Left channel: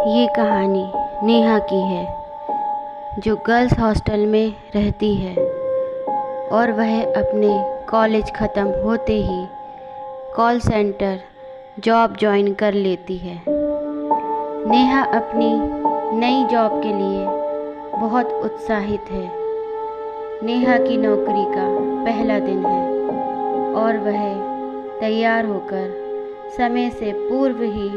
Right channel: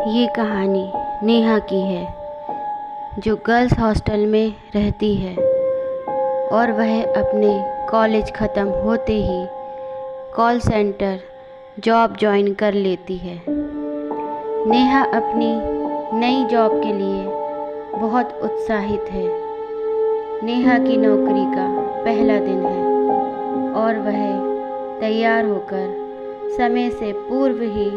ये कहानी नेहा की है, जो गर्ल्स हॉस्टल में रहती है और वह अपने कॉलेज ख़त्म होते ही कॉल सेंटर जॉब ज्वाइन कर लेती है। नेहा अपनी नई जॉब के लिए बहुत उत्साहित है। नेहा की नौकरी का पहला दिन है और वह तैयार होकर समय से पूर्व ही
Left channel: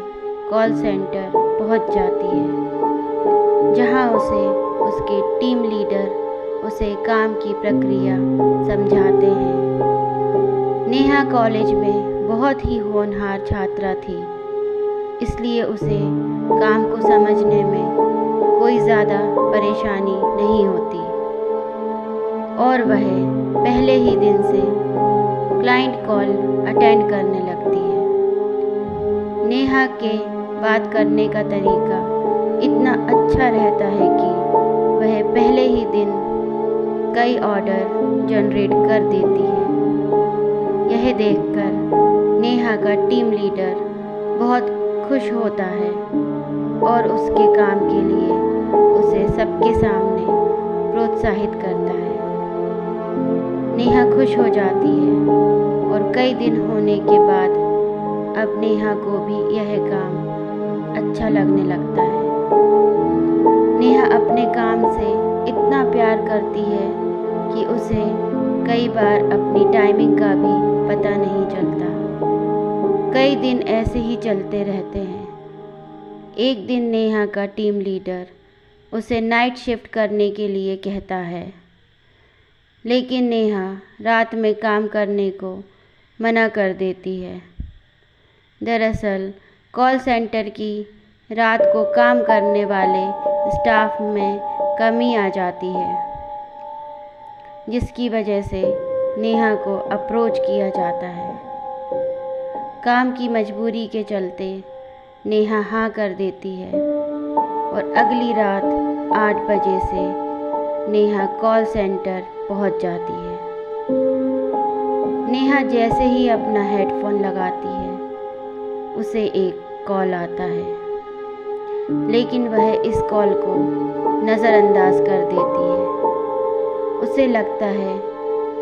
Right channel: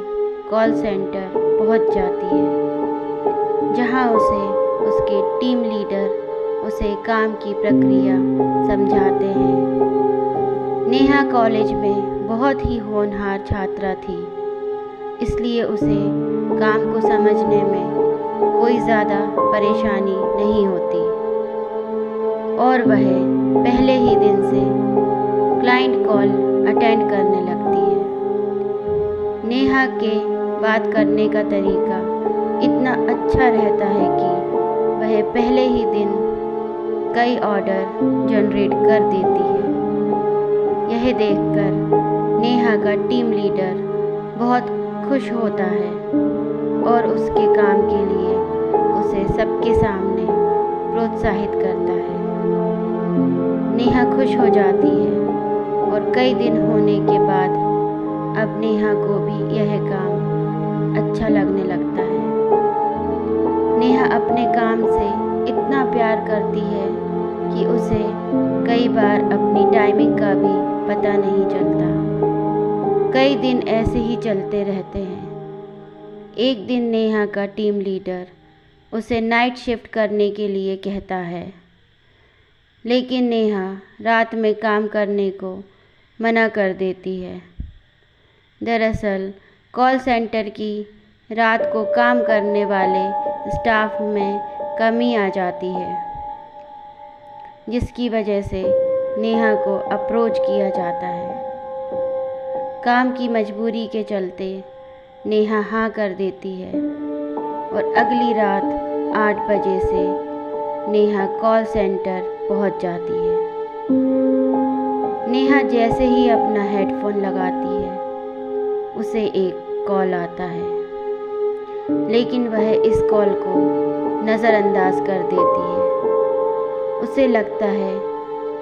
कॉल सेंटर पहुंच जाती है, जहां उसे उसके टीम लीडर उसे काम की प्रक्रिया समझाते हैं। नेहा कॉलेज में बहुत ही होनहार छात्रा थी, इसलिए उसे काम को समझने में कोई ज़्यादा परेशानी नहीं होती और वह पहले ही दिन से क्लाइंट कॉल अटेंड करने लगती है। नेहा के बात करने का तरीका इतना अच्छा रहता है कि वह पहले ही दिन कई ऑर्डर जनरेट कर देती है। यह देखकर नेहा का टीम लीडर बहुत खुश होता है और उसके काम के लिए उसे सबके सामने प्रोत्साहित करता है। नेहा खुश हो जाती है और कई दिन होने के बाद अब नेहा को भी यह काम अच्छा लगने लगता है। नेहा अपने काम से इतना प्यार करती है कि उसे कई बार अपनी टाइमिंग का भी पता नहीं चलता। कई दिन ऐसे ही चलते रहते हैं। एक दिन नेहा का टीम लीडर उसे नाइट शिफ्ट करने के लिए कहता है, लेकिन नेहा रात में काम करने को मना कर देती है। दरअसल कॉल सेंटर की रात को काम करने वाले स्टाफ में कमी आ जाती है, जिसकी वजह से नेहा को अप्रोच किया जाता है। काम की मजबूरी के चलते नेहा हाँ कर देती है और अगली रात 8 बजे से नेहा कॉल सेंटर पहुंच जाती है। नेहा जैसे ही अपना हेडफोन लगाती है, उसे एक कॉल आता है, लेकिन वह इस कॉल को नज़रअंदाज कर देती है। उसे लगता है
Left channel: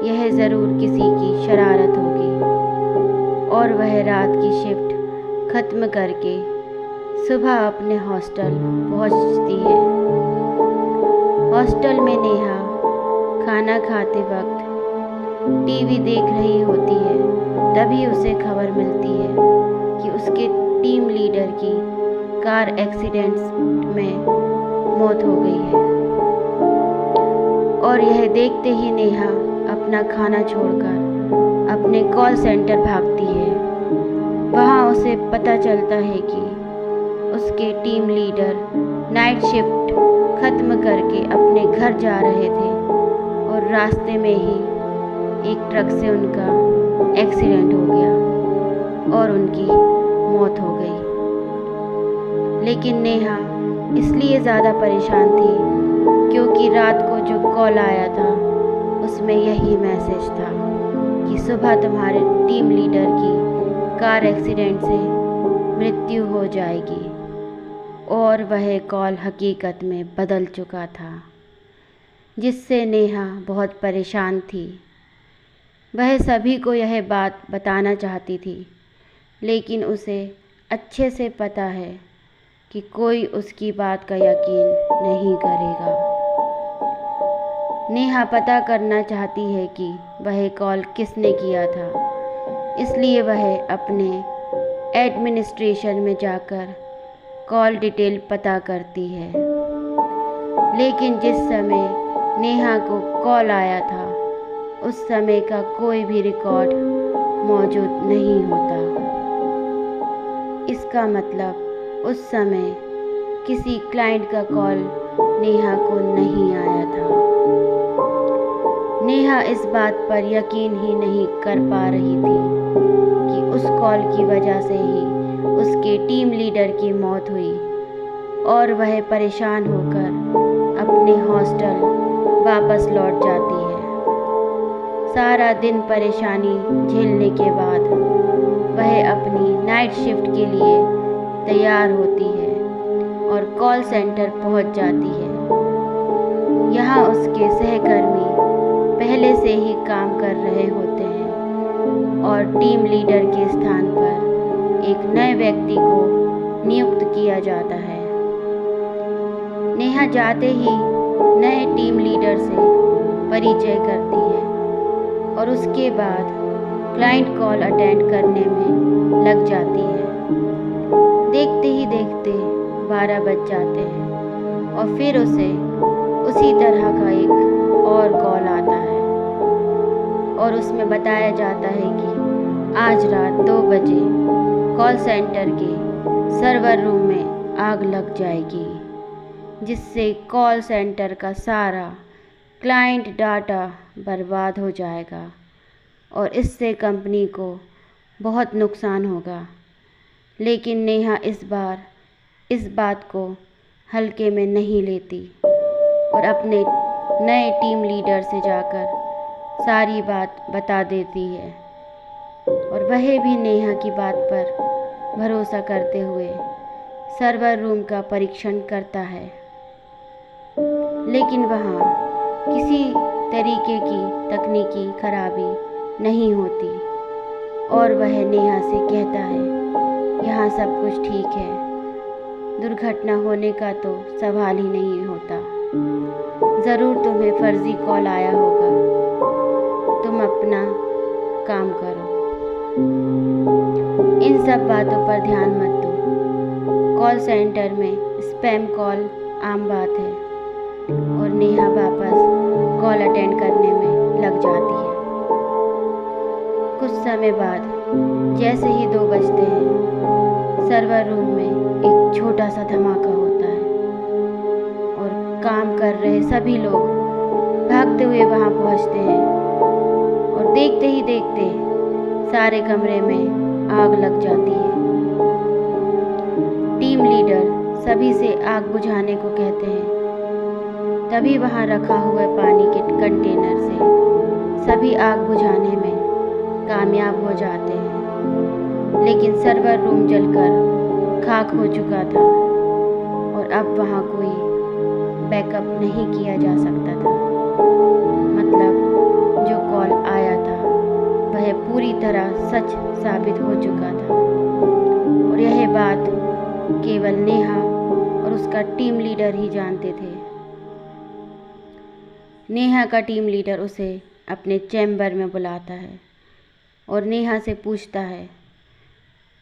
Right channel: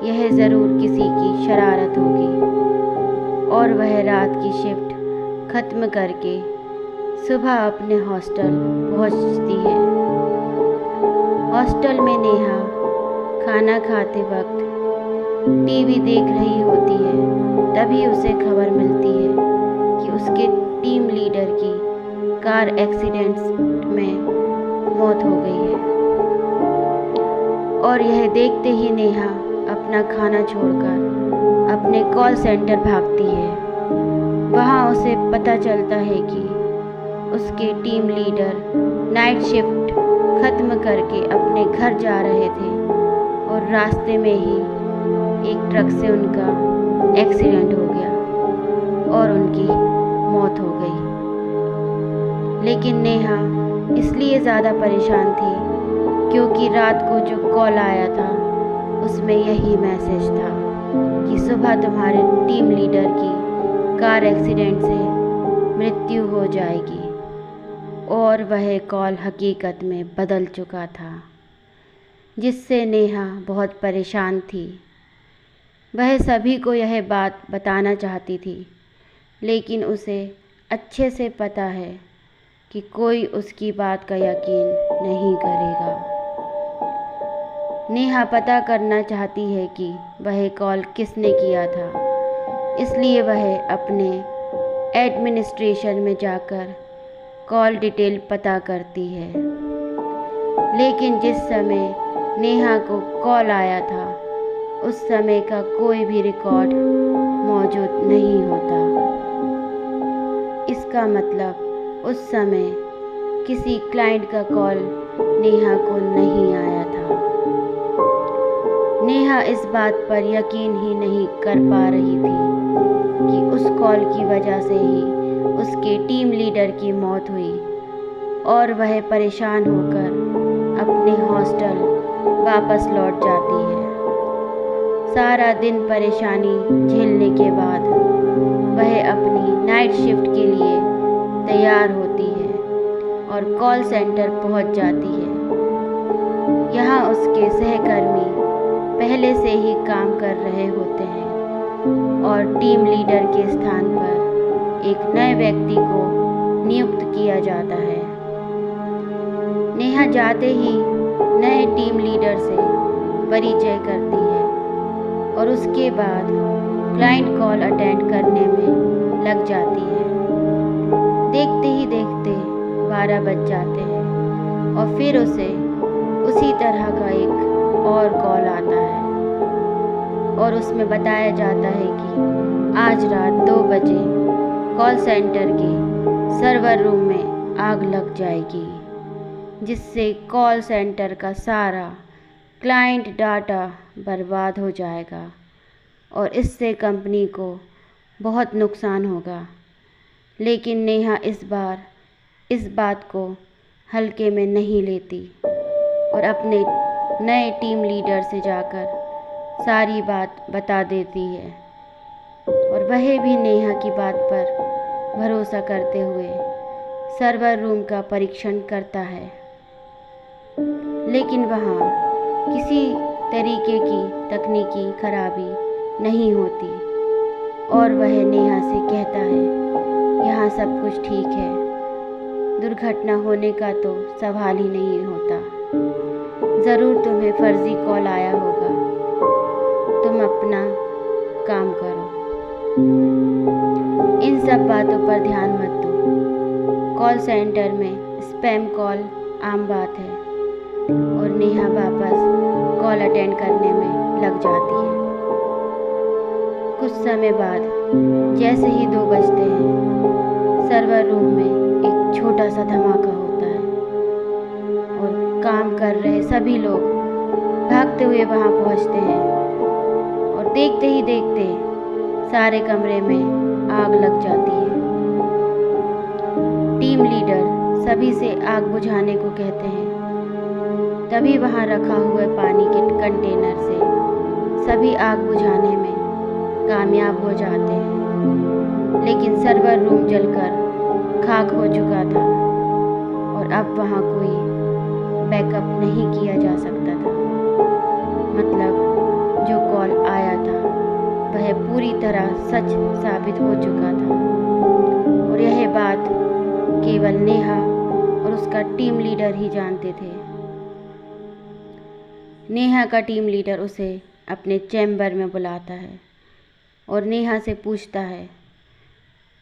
यह ज़रूर किसी की शरारत होगी और वह रात की शिफ्ट ख़त्म करके सुबह अपने हॉस्टल पहुंचती है। हॉस्टल में नेहा खाना खाते वक्त टीवी देख रही होती है। तभी उसे खबर मिलती है कि उसके टीम लीडर की कार एक्सीडेंट में मौत हो गई है और यह देखते ही नेहा अपना खाना छोड़कर अपने कॉल सेंटर भागती है। वहां उसे पता चलता है कि उसके टीम लीडर नाइट शिफ्ट ख़त्म करके अपने घर जा रहे थे और रास्ते में ही एक ट्रक से उनका एक्सीडेंट हो गया और उनकी मौत हो गई। लेकिन नेहा इसलिए ज़्यादा परेशान थी क्योंकि रात को जो कॉल आया था उसमें यही मैसेज था कि सुबह तुम्हारे टीम लीडर की कार एक्सीडेंट से मृत्यु हो जाएगी और वह कॉल हकीकत में बदल चुका था, जिससे नेहा बहुत परेशान थी। वह सभी को यह बात बताना चाहती थी, लेकिन उसे अच्छे से पता है कि कोई उसकी बात का यकीन नहीं करेगा। नेहा पता करना चाहती है कि वह कॉल किसने किया था, इसलिए वह अपने एडमिनिस्ट्रेशन में जाकर कॉल डिटेल पता करती है। लेकिन जिस समय नेहा को कॉल आया था, उस समय का कोई भी रिकॉर्ड मौजूद नहीं होता। इसका मतलब उस समय किसी क्लाइंट का कॉल नेहा को नहीं आया था। नेहा इस बात पर यकीन ही नहीं कर पा रही थी कि उस कॉल की वजह से ही उसके टीम लीडर की मौत हुई और वह परेशान होकर अपने हॉस्टल वापस लौट जाती है। सारा दिन परेशानी झेलने के बाद वह अपनी नाइट शिफ्ट के लिए तैयार होती है और कॉल सेंटर पहुंच जाती है। यहाँ उसके सहकर्मी पहले से ही काम कर रहे होते हैं और टीम लीडर के स्थान पर एक नए व्यक्ति को नियुक्त किया जाता है। नेहा जाते ही नए टीम लीडर से परिचय करती है और उसके बाद क्लाइंट कॉल अटेंड करने में लग जाती है। देखते ही देखते 12 बज जाते हैं और फिर उसे उसी तरह का एक और कॉल आता है और उसमें बताया जाता है कि आज रात 2 बजे कॉल सेंटर के सर्वर रूम में आग लग जाएगी, जिससे कॉल सेंटर का सारा क्लाइंट डाटा बर्बाद हो जाएगा और इससे कंपनी को बहुत नुकसान होगा। लेकिन नेहा इस बार इस बात को हल्के में नहीं लेती और अपने नए टीम लीडर से जाकर सारी बात बता देती है और वह भी नेहा की बात पर भरोसा करते हुए सर्वर रूम का परीक्षण करता है। लेकिन वहाँ किसी तरीके की तकनीकी खराबी नहीं होती और वह नेहा से कहता है, यहाँ सब कुछ ठीक है, दुर्घटना होने का तो सवाल ही नहीं होता। ज़रूर तुम्हें फर्जी कॉल आया होगा, तुम अपना काम करो। इन सब बातों पर ध्यान मत दो। कॉल सेंटर में स्पैम कॉल आम बात है और नेहा वापस कॉल अटेंड करने में लग जाती है। कुछ समय बाद जैसे ही 2 बजते हैं, सर्वर रूम में एक छोटा सा धमाका होता है और काम कर रहे सभी लोग भागते हुए वहां पहुंचते हैं और देखते ही देखते सारे कमरे में आग लग जाती है। टीम लीडर सभी से आग बुझाने को कहते हैं। तभी वहां रखा हुआ पानी के कंटेनर से सभी आग बुझाने में कामयाब हो जाते हैं। लेकिन सर्वर रूम जलकर खाक हो चुका था और अब वहाँ कोई बैकअप नहीं किया जा सकता था। मतलब जो कॉल आया था वह पूरी तरह सच साबित हो चुका था और यह बात केवल नेहा और उसका टीम लीडर ही जानते थे। नेहा का टीम लीडर उसे अपने चैम्बर में बुलाता है और नेहा से पूछता है,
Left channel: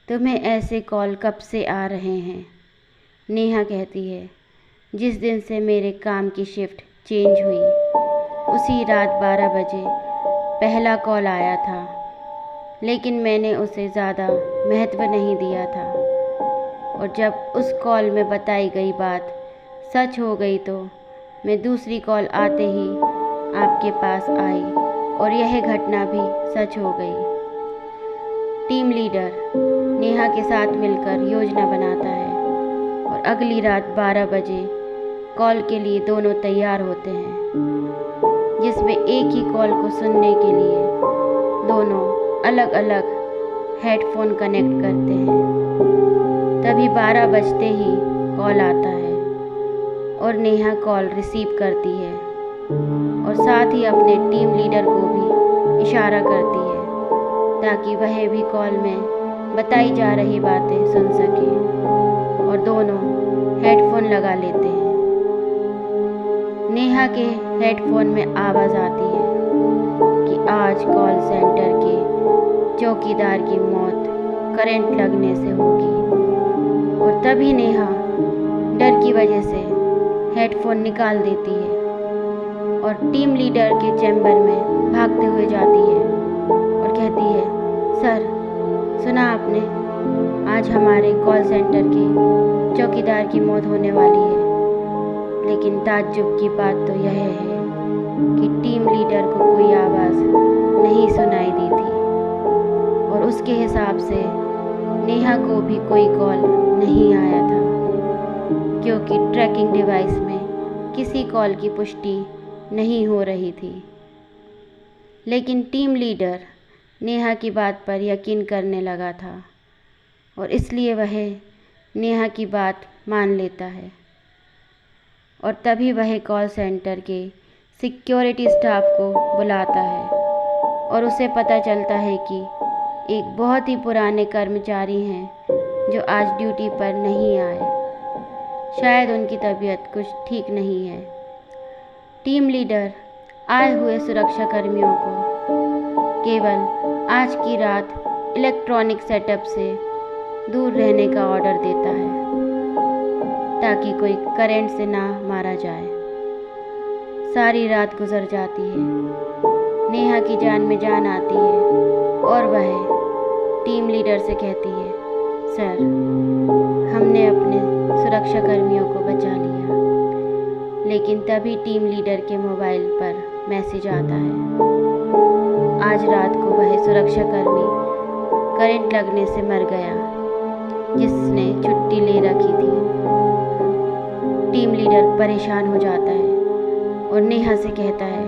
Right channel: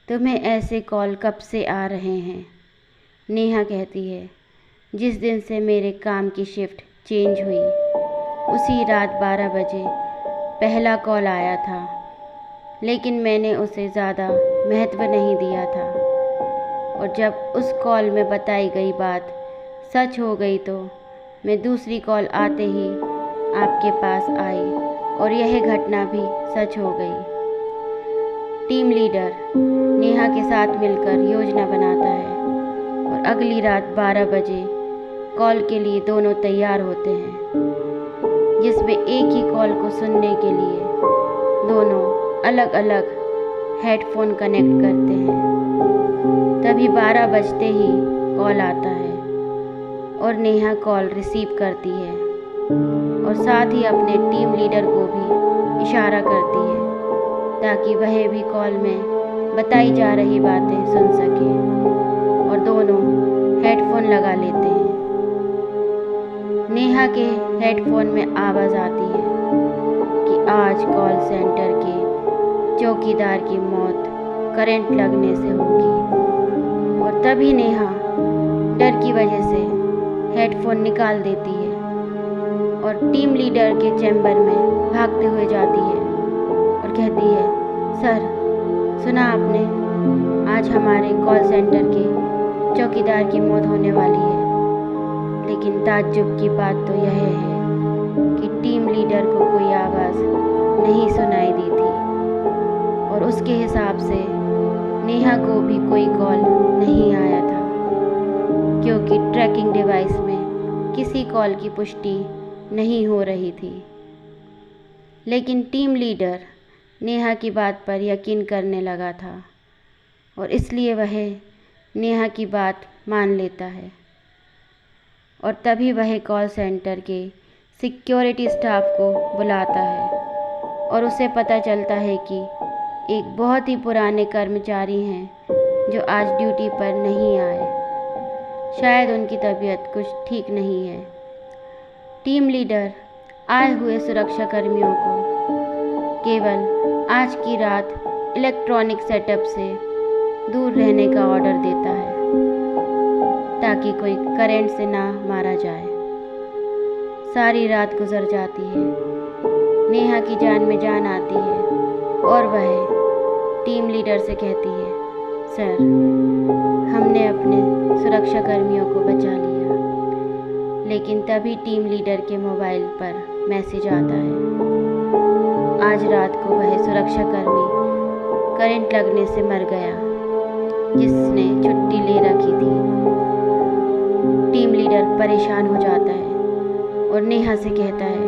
तुम्हें ऐसे कॉल कब से आ रहे हैं? नेहा कहती है, जिस दिन से मेरे काम की शिफ्ट चेंज हुई उसी रात 12 बजे पहला कॉल आया था, लेकिन मैंने उसे ज़्यादा महत्व नहीं दिया था और जब उस कॉल में बताई गई बात सच हो गई तो मैं दूसरी कॉल आते ही आपके पास आई और यह घटना भी सच हो गई। टीम लीडर नेहा के साथ मिलकर योजना बनाता है और अगली रात 12 बजे कॉल के लिए दोनों तैयार होते हैं, जिसमें एक ही कॉल को सुनने के लिए दोनों अलग अलग हेडफोन कनेक्ट करते हैं। तभी 12 बजते ही कॉल आता है और नेहा कॉल रिसीव करती है और साथ ही अपने टीम लीडर को भी इशारा करती है ताकि वह भी कॉल में बताई जा रही बातें सुन सके और दोनों हेडफोन लगा लेते हैं। नेहा के हेडफोन में आवाज़ आती है कि आज कॉल सेंटर के चौकीदार की मौत करंट लगने से होगी और तभी नेहा डर की वजह से हेडफोन निकाल देती है और टीम लीडर के चैम्बर में भागते हुए जाती है और कहती है, सर सुना आपने, आज हमारे कॉल सेंटर के चौकीदार की मौत होने वाली है। लेकिन ताज्जुब की बात तो यह है कि टीम लीडर को कोई आवाज़ नहीं सुनाई दी थी और उसके हिसाब से नेहा को भी कोई कॉल नहीं आया था, क्योंकि ट्रैकिंग डिवाइस में किसी कॉल की पुष्टि नहीं हो रही थी। लेकिन टीम लीडर नेहा की बात पर यकीन करने लगा था और इसलिए वह नेहा की बात मान लेता है और तभी वह कॉल सेंटर के सिक्योरिटी स्टाफ को बुलाता है और उसे पता चलता है कि एक बहुत ही पुराने कर्मचारी हैं जो आज ड्यूटी पर नहीं आए। शायद उनकी तबीयत कुछ ठीक नहीं है। टीम लीडर आए हुए सुरक्षाकर्मियों को केवल आज की रात इलेक्ट्रॉनिक सेटअप से दूर रहने का ऑर्डर देता है ताकि कोई करंट से ना मारा जाए। सारी रात गुजर जाती है। नेहा की जान में जान आती है और वह टीम लीडर से कहती है, सर, हमने अपने सुरक्षाकर्मियों को बचा लिया। लेकिन तभी टीम लीडर के मोबाइल पर मैसेज आता है। आज रात को वह सुरक्षाकर्मी करंट लगने से मर गया जिसने छुट्टी ले रखी थी। टीम लीडर परेशान हो जाता है और नेहा से कहता है,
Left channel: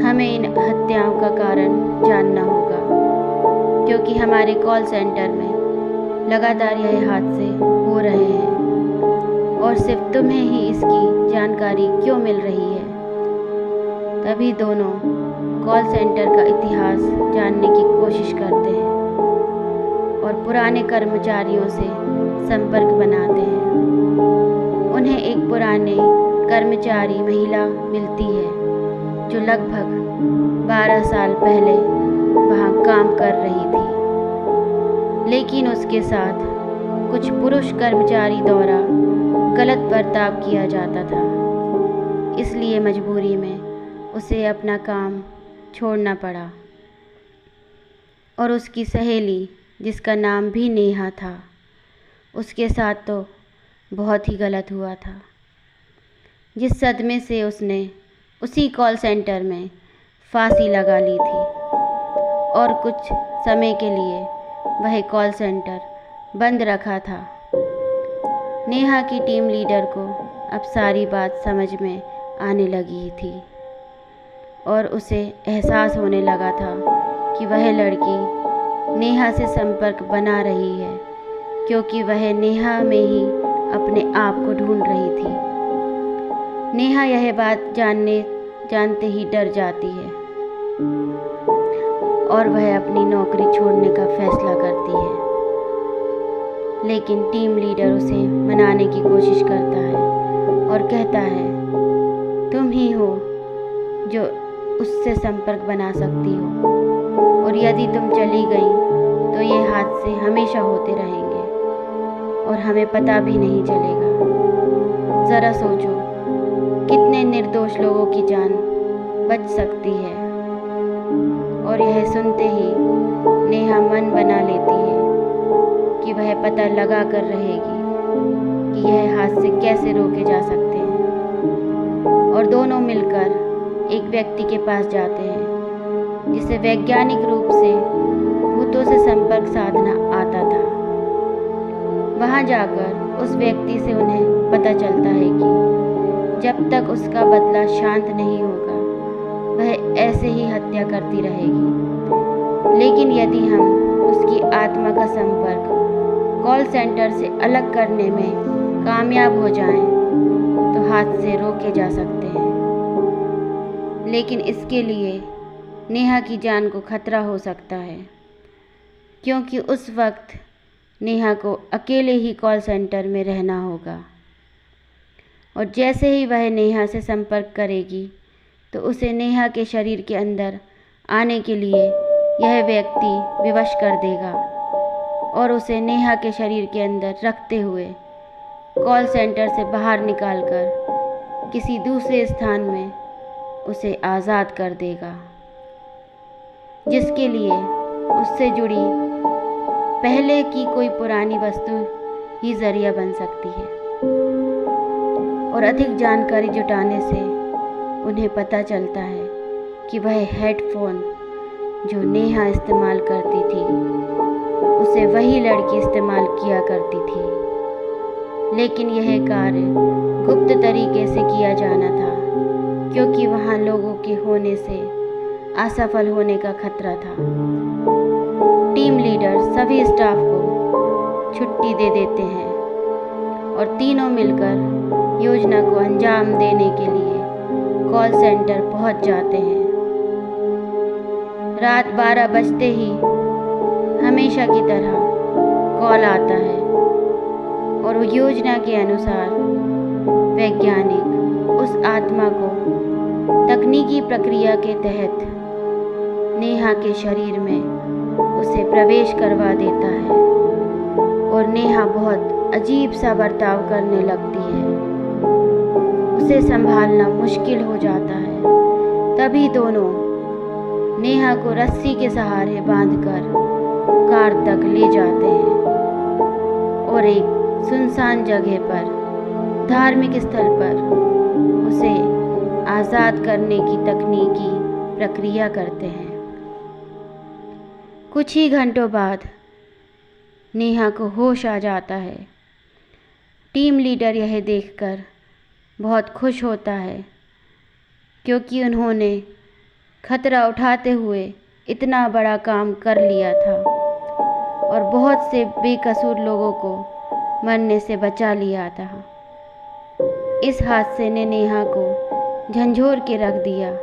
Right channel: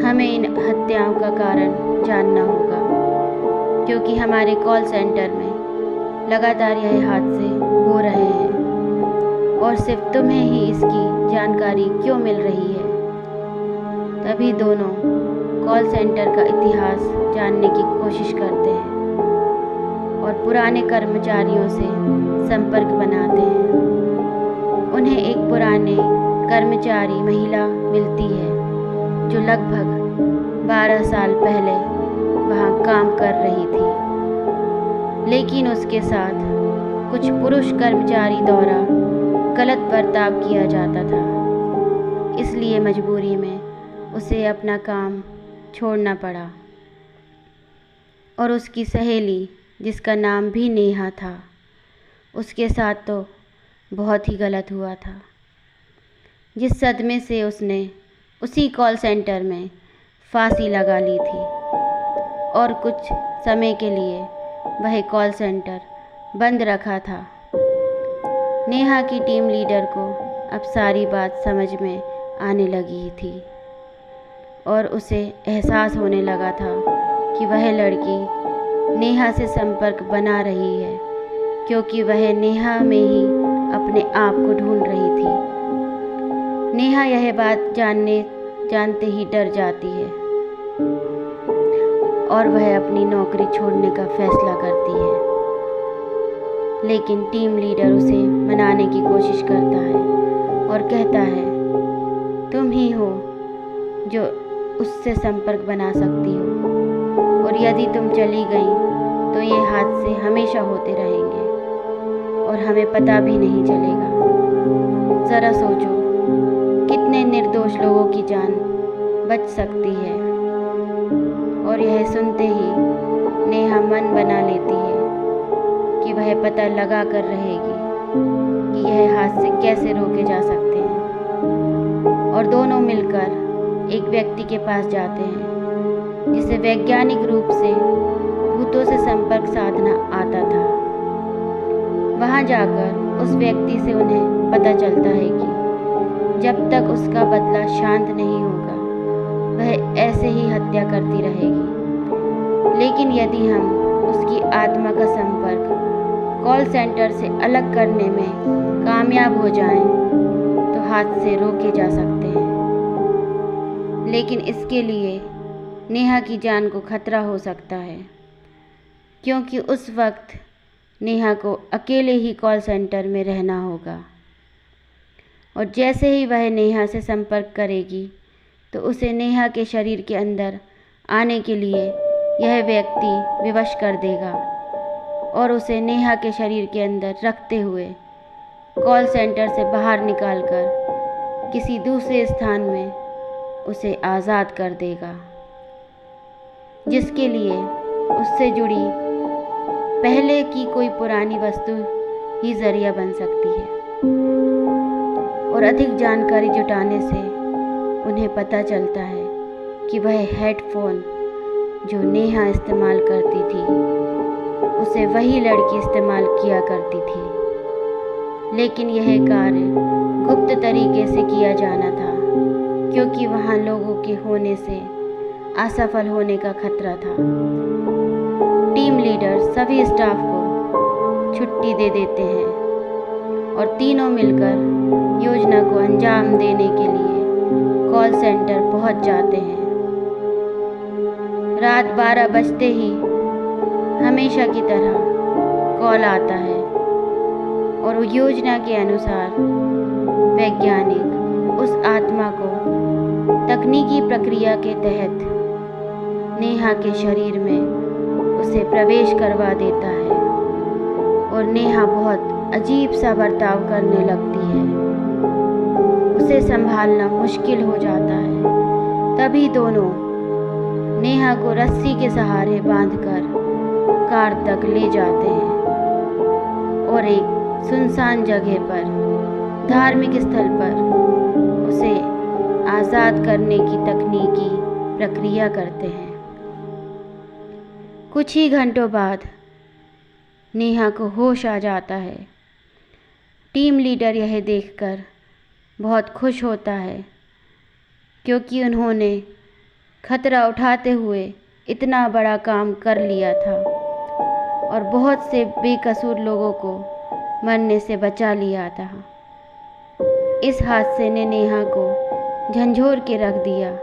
हमें इन हत्याओं का कारण जानना होगा क्योंकि हमारे कॉल सेंटर में लगातार यह हादसे हो रहे हैं और सिर्फ तुम्हें ही इसकी जानकारी क्यों मिल रही है। तभी दोनों कॉल सेंटर का इतिहास जानने की कोशिश करते हैं और पुराने कर्मचारियों से संपर्क बनाते हैं। उन्हें एक पुराने कर्मचारी महिला मिलती है जो लगभग 12 साल पहले वहाँ काम कर रही थी, लेकिन उसके साथ कुछ पुरुष कर्मचारी द्वारा गलत बर्ताव किया जाता था। इसलिए मजबूरी में उसे अपना काम छोड़ना पड़ा और उसकी सहेली, जिसका नाम भी नेहा था, उसके साथ तो बहुत ही गलत हुआ था। जिस सदमे से उसने उसी कॉल सेंटर में फांसी लगा ली थी और कुछ समय के लिए वह कॉल सेंटर बंद रखा था। नेहा की टीम लीडर को अब सारी बात समझ में आने लगी थी और उसे एहसास होने लगा था कि वह लड़की नेहा से संपर्क बना रही है क्योंकि वह नेहा में ही अपने आप को ढूंढ रही थी। नेहा यह बात जानते ही डर जाती है और वह अपनी नौकरी छोड़ने का फैसला करती है। लेकिन टीम लीडर उसे मनाने की कोशिश करता है और कहता है, तुम ही हो जो उससे संपर्क बना सकती हो और यदि तुम चली गई तो ये हादसे हमेशा होते रहेंगे और हमें पता भी नहीं चलेगा। ज़रा सोचो, कितने निर्दोष लोगों की जान बच सकती है। और यह सुनते ही नेहा मन बना लेती है कि वह पता लगा कर रहेगी कि यह हादसे कैसे रोके जा सकते हैं। और दोनों मिलकर एक व्यक्ति के पास जाते हैं जिसे वैज्ञानिक रूप से भूतों से संपर्क साधना आता था। वहां जाकर उस व्यक्ति से उन्हें पता चलता है कि जब तक उसका बदला शांत नहीं होगा वह ऐसे ही हत्या करती रहेगी। लेकिन यदि हम उसकी आत्मा का संपर्क कॉल सेंटर से अलग करने में कामयाब हो जाएं तो हादसे रोके जा सकते हैं। लेकिन इसके लिए नेहा की जान को खतरा हो सकता है क्योंकि उस वक्त नेहा को अकेले ही कॉल सेंटर में रहना होगा और जैसे ही वह नेहा से संपर्क करेगी तो उसे नेहा के शरीर के अंदर आने के लिए यह व्यक्ति विवश कर देगा और उसे नेहा के शरीर के अंदर रखते हुए कॉल सेंटर से बाहर निकालकर किसी दूसरे स्थान में उसे आज़ाद कर देगा, जिसके लिए उससे जुड़ी पहले की कोई पुरानी वस्तु ही जरिया बन सकती है। और अधिक जानकारी जुटाने से उन्हें पता चलता है कि वह हेडफोन जो नेहा इस्तेमाल करती थी उसे वही लड़की इस्तेमाल किया करती थी। लेकिन यह कार्य गुप्त तरीके से किया जाना था क्योंकि वहाँ लोगों के होने से असफल होने का खतरा था। टीम लीडर सभी स्टाफ को छुट्टी दे देते हैं और तीनों मिलकर योजना को अंजाम देने के लिए कॉल सेंटर पहुंच जाते हैं। रात 12 बजते ही हमेशा की तरह कॉल आता है और योजना के अनुसार वैज्ञानिक उस आत्मा को तकनीकी प्रक्रिया के तहत नेहा के शरीर में उसे प्रवेश करवा देता है और नेहा बहुत अजीब सा बर्ताव करने लगती है। उसे संभालना मुश्किल हो जाता है। तभी दोनों नेहा को रस्सी के सहारे बांधकर कार तक ले जाते हैं और एक सुनसान जगह पर, धार्मिक स्थल पर उसे आज़ाद करने की तकनीकी प्रक्रिया करते हैं। कुछ ही घंटों बाद नेहा को होश आ जाता है। टीम लीडर यह देखकर बहुत खुश होता है क्योंकि उन्होंने खतरा उठाते हुए इतना बड़ा काम कर लिया था और बहुत से बेकसूर लोगों को मरने से बचा लिया था। इस हादसे ने नेहा को झंझोर के रख दिया,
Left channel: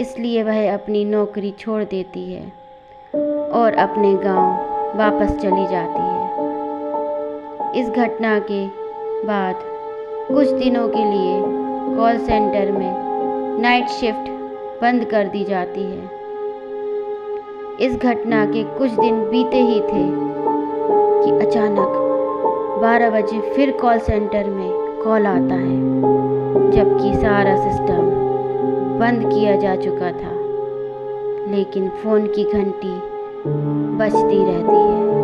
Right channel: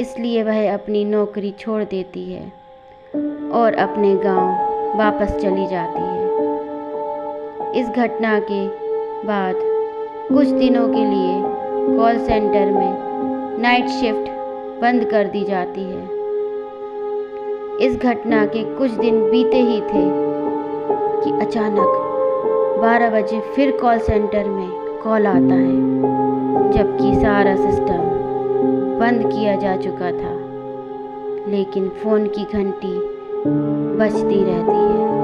इसलिए वह अपनी नौकरी छोड़ देती है और अपने गांव वापस चली जाती है। इस घटना के बाद कुछ दिनों के लिए कॉल सेंटर में नाइट शिफ्ट बंद कर दी जाती है। इस घटना के कुछ दिन बीते ही थे कि अचानक 12 बजे फिर कॉल सेंटर में कॉल आता है, जबकि सारा सिस्टम बंद किया जा चुका था, लेकिन फ़ोन की घंटी बजती रहती है।